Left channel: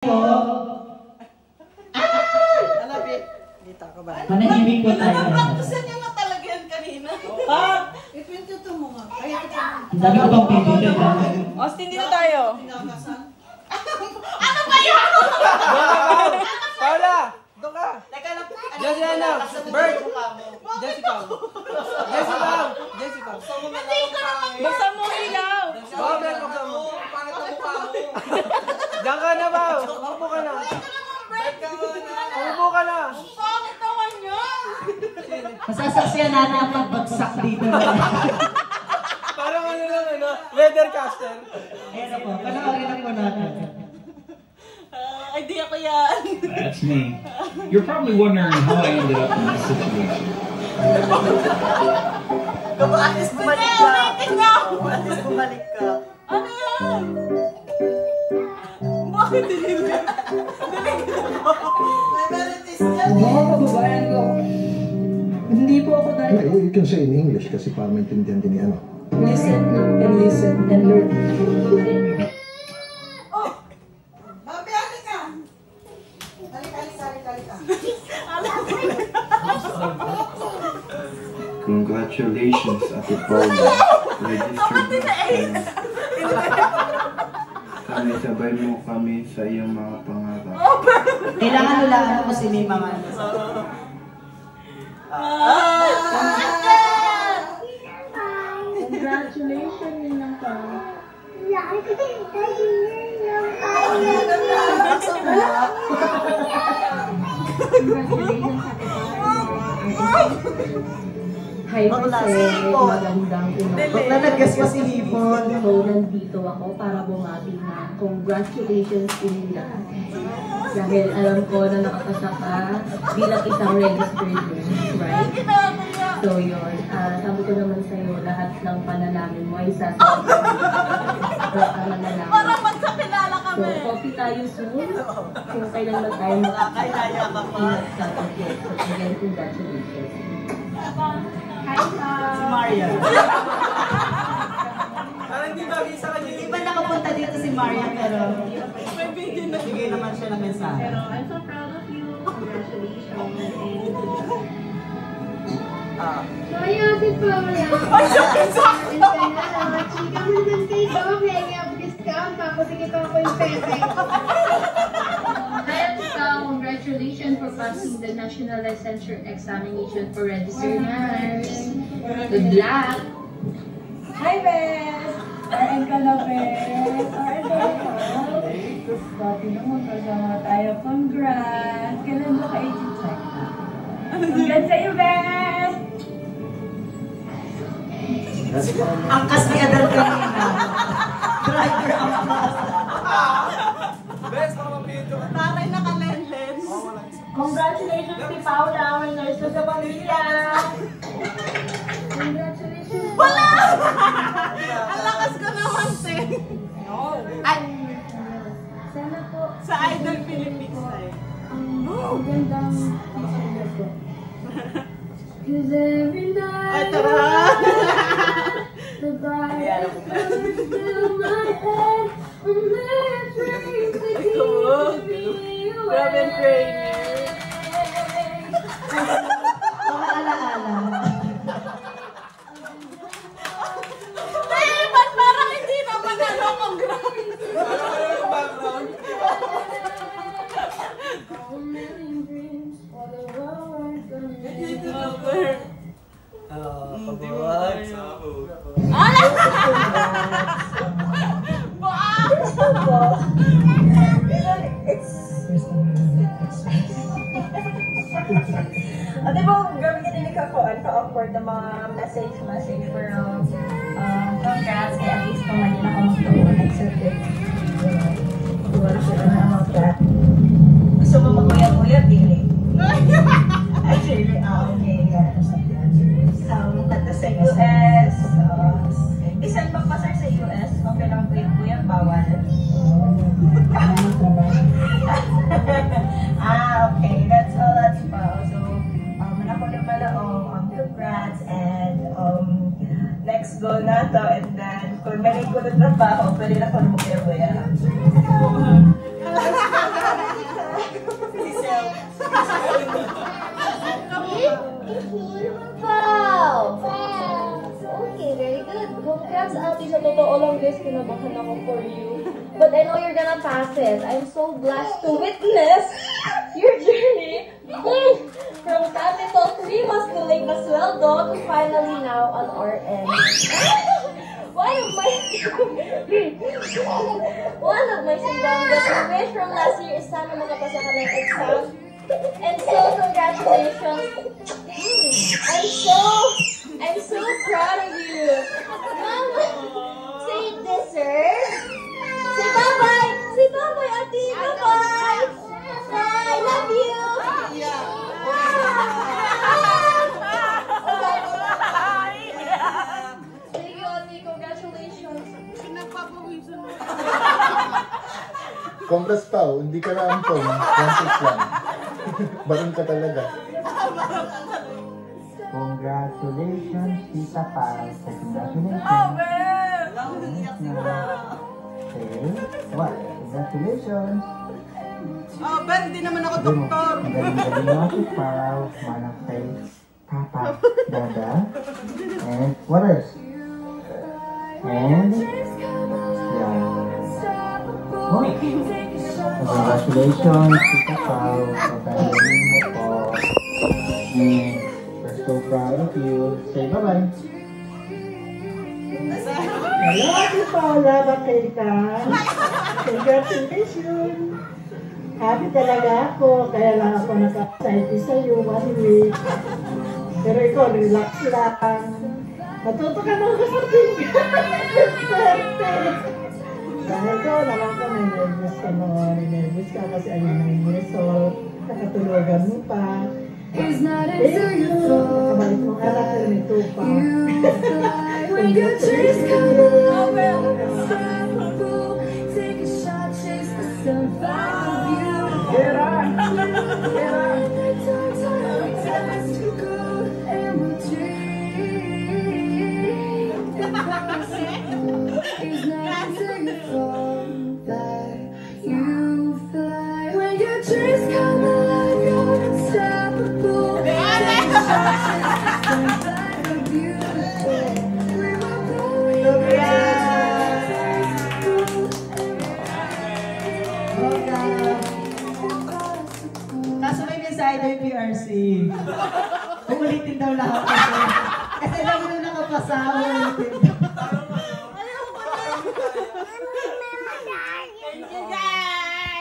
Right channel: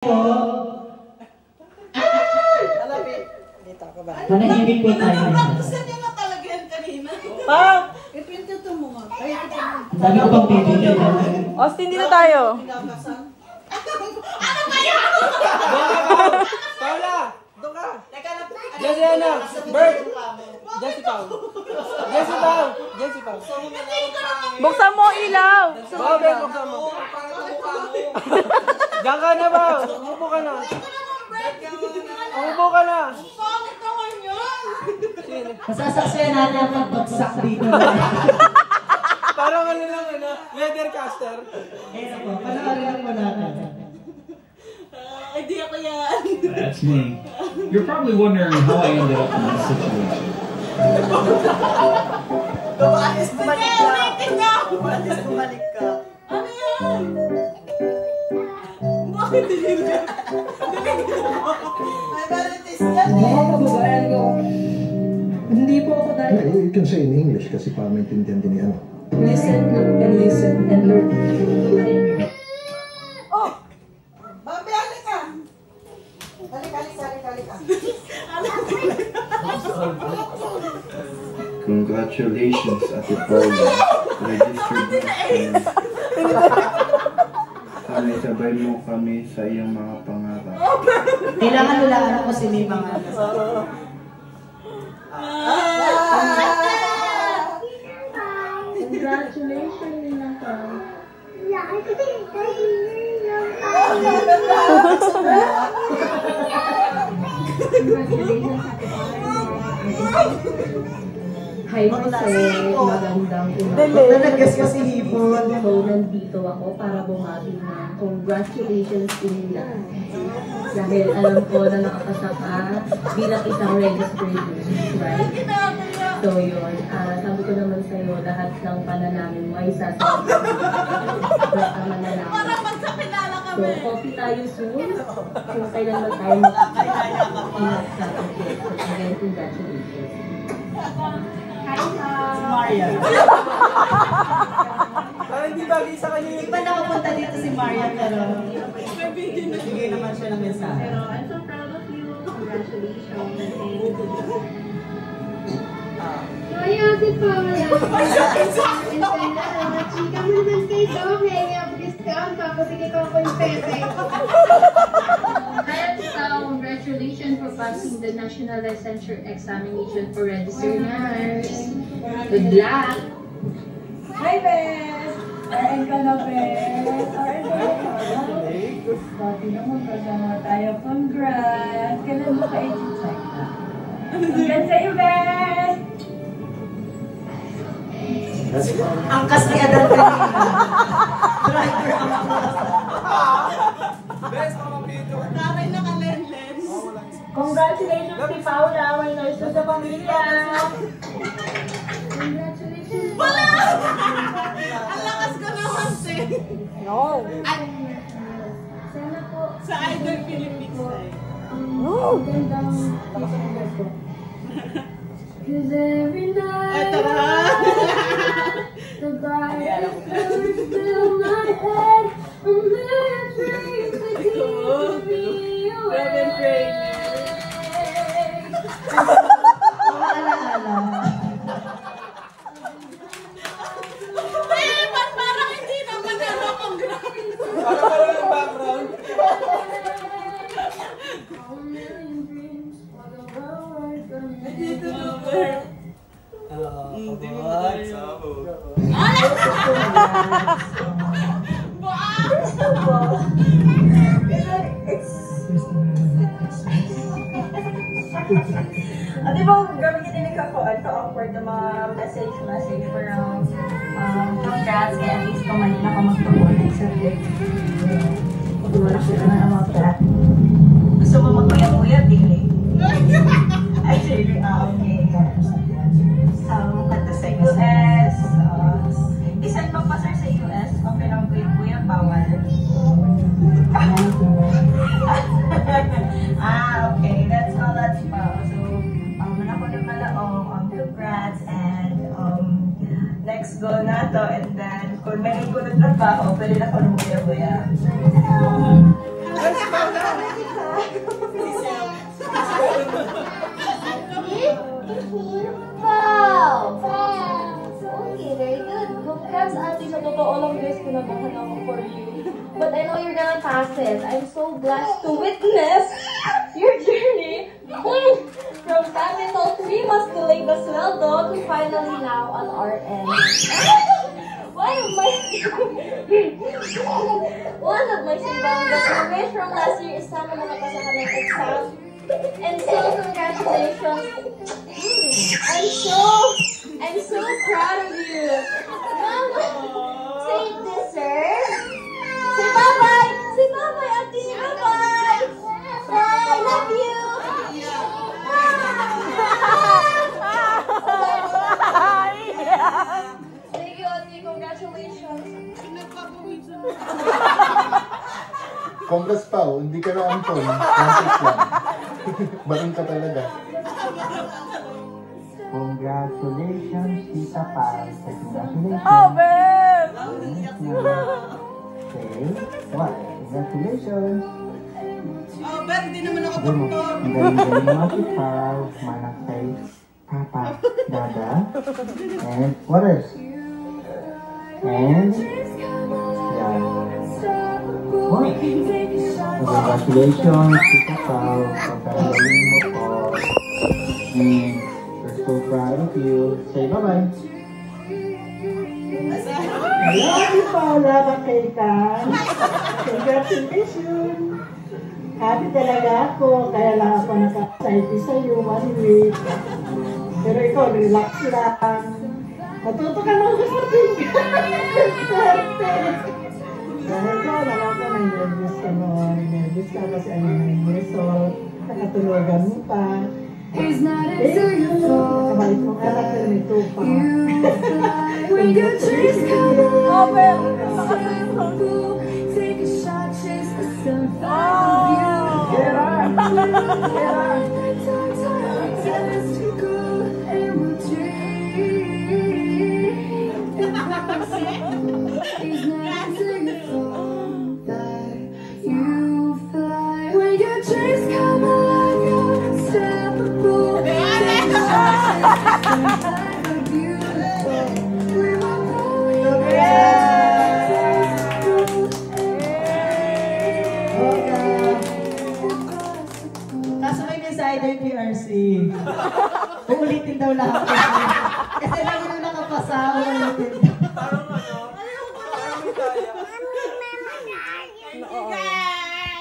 Dito ka ba? Manahimik po tayo. Gusto niya nga talaga yan kanina. Ipinto mo nga. Kahit ito mo. Dami ko bang pinto nyo? Austin, dito tayo. Ano ba yan? Paula! Doon ka! Jessie ano? Bert! Jessie Pau! Jessie Pau! Jessie Pau! Buksan mo ilaw. Oo, Ben, buksan mo. Diyan ka na ba? Umupo ka na. Umupo ka na. Bakit naman yan? Masasaksiyan natin ang pagbagsak dito. Parang ano lang, weathercaster. Ayan po, panoorin lang po natin. Hindi ako yan. That's me. You're probably wondering how I ended up in this situation. Alis bumalik ka. Ulitin Alis bumalik ka. Ano yan? Bakit dinilig? May verities yan Mga kababayan ko, hindi po ako dahil. You can say in English kasi para maintindihan din ni ano. Listen and learn. Oh! Babi, alik ka! Dalik ka. Congratulations, Ate Paula. Registered na. Sana sabay mo kami sa iyong mga pangarap. Kailangan nila ako si may mga. Congratulations, Nina. Hi, Jose. Magandang umaga. Nanagas ka si Hipon. So, nandito ako para bumati na congratulations din lahat. Dahil alam ko na nakapasa ka bilang isang registered nurse, right? So, yun. Sabi ko naman sa'yo, lahat ng panalangin mo ay sasabi ko. Manalangin. Parang magkakilala So, kami. coffee tayo soon. Kung kailan man tayo mag-ingat sa atin. So, again, congratulations. Si Maria. Parang hindi ba visa kanina? Di ba nakapunta dito si Maria pero bigay naman siya ng mensahe. Pero I'm so proud of you. Congratulations. Ay, Ate Paula. Chika mo naman kay Dom. Hanging up discount. Papatigay ko yung pepe. Hi, Ate Paula. Congratulations for passing the National Licensure Examination for Registered Nurse. Good luck. Hi, Bes! RN ka na, Bes. RN ka na. Pati naman kasama tayo. Congrats! Kailan mo kayo check na? Congrats sa'yo, Bes! Angkas ni Adan kanina. Driver angkas. Best, mga mapito. Tatay naka-len-len. Congratulations si Paula, our nurse sa pamilya! Congratulations. Wala! Ang lakas ko naman, Sin. No! Ay, Sana po. sa Idol Philippines tayo. Ang gandang pasenda ko. 'Cause every Ay, night tara! the brightest stars fill my head. A million dreams that keep me Grabe ang trainer. Mga alaala. Ay, ba't parang hindi naman ano, congrats? Parang wala yung background. A million dreams all over from me. Di ba, grabe ka din ka-awkward na mga message pero congrats, kaya at least kung manila ka magtuunan sa gift. Wala siya na about that. Gusto mo mag-uya-uya, Billy? Actually, okay. Punta sa US. Isang pagpasar sa US, okay lang kuya, bawal. Okay. That's all that's about. So, manako na malaong, congrats, and next goal na to, and then, kung may ko na trabaho, pwede na ko na mag-uya. totoo lang guys, kinabahan ako for you. But I know you're gonna pass it. I'm so blessed to witness your journey from Capital 3 Masculine Casueldo to finally now on our end. One of my simbang graduate from last year is sana makapasa ka ng exam. And so, congratulations. I'm so proud of you. Mama, say this, sir. Say bye-bye. Say bye-bye, Ate. Bye-bye. Bye. Love you. Thank you, Ate. Congratulations. Congrats Pao, hindi ka na ampon. Congrats lang. Barang ka talaga. Congratulations, Tita Pao. Congratulations. Okay. What? Congratulations. Oh, Ben, hindi naman ako Galing doktor. galing mo si Pao. Manang kay Papa, Dada. And what else? And yeah. Boy. Congratulations, Tita Pao. Pagkagaling mo po. And we're so proud of you. Say bye-bye. Hello, Ate Paula, bakay ka? Congratulations! Happy talaga ako, kaya lang ako naka-excited sa'yo, 1 week. Pero ikaw, relax lang. Matuto ka nung kapatid ka. Swerte! Dahil ko, naman ko, nervous ka noon. Nervous ka kasi ayun na yung result. Nakatulugan mo pa. Kabalik mong anak pero may tupa. Kaso may mensahe daw yung PRC. Uulitin daw lahat. Kasi lagi na nakapasa, uulitin.